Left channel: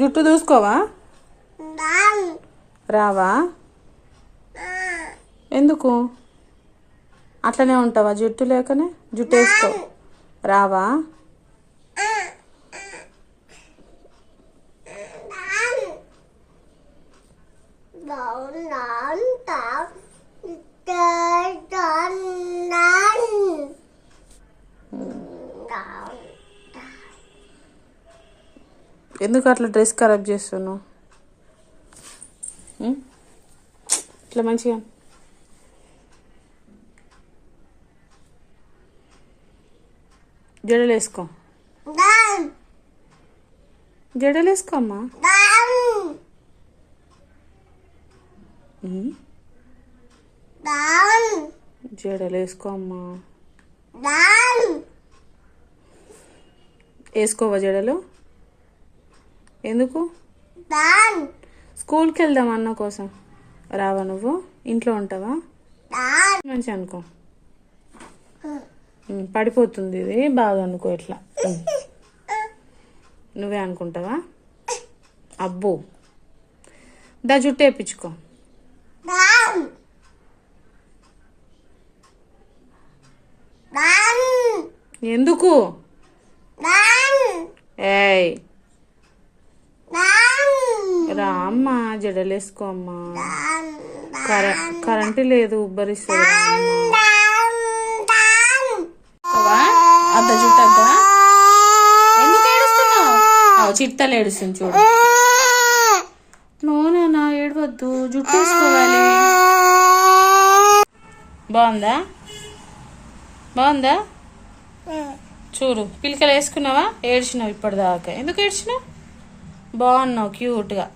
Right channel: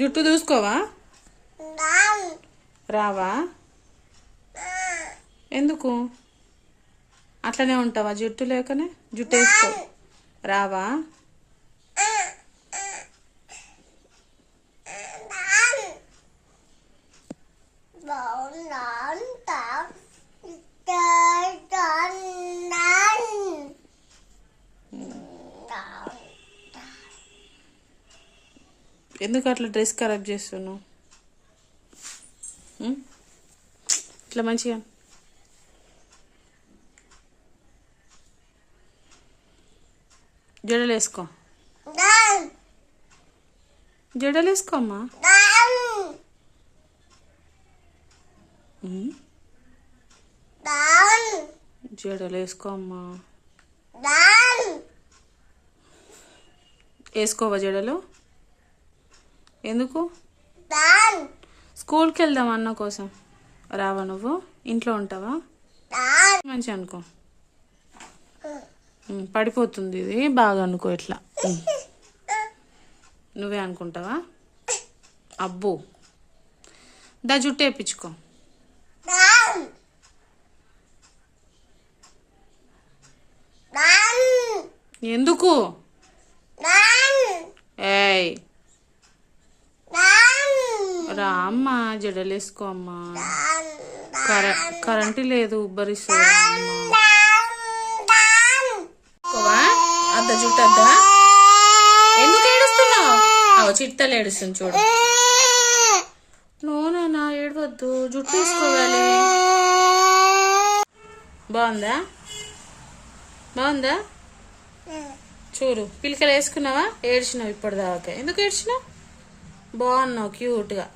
జుట్టు దూసుకోవా? రావా? ఎందుకు అట్లనే ఉంటావా? జుట్టు లేకనే జుట్టు వేసుకో. రావా? ఎందుకు అట్లా డ్రెస్ ఖరాబ్ చేస్తున్నావు? ఇట్లా మంచిగా జడలేసుకో. జడలేసుకో అమ్మా. జడలేసుకో అమ్మా. వేసుకోవా జడలు? ఎందుకు? స్కూల్కి వెళ్దాం అన్న కోసం. రావా నువ్వు? ఇంట్లో ఉంటావా? మంచి అనుకో. పడిపోతుంది ఇది బాగా అనుకో. ఇట్లా నువ్వే అనుకుంటావా? అబ్బో, దా జుట్టు వేయించుకో. ఎందుకు? ఏయ్ రా అమ్మా, జడలేసుకో అమ్మా. కరెంటు లేదు, ఉబ్బరిస్తుంది. అద్ద జుట్టు అద్దా. ఎందుకు ఏడుస్తున్నావు? చిట్టలు ఏడుస్తుంది చూడు. నోనా ఏడవద్దు, జుట్టు వేసుకోవాలి. బాగుందా? బాగుందా? చూడు, పిలకలు వేసుకున్నావా? ఏడ్చినావు ఇప్పటిదాకా. ఎందుకు ఏడ్చినావు? బాగున్నావు క్యూట్గా.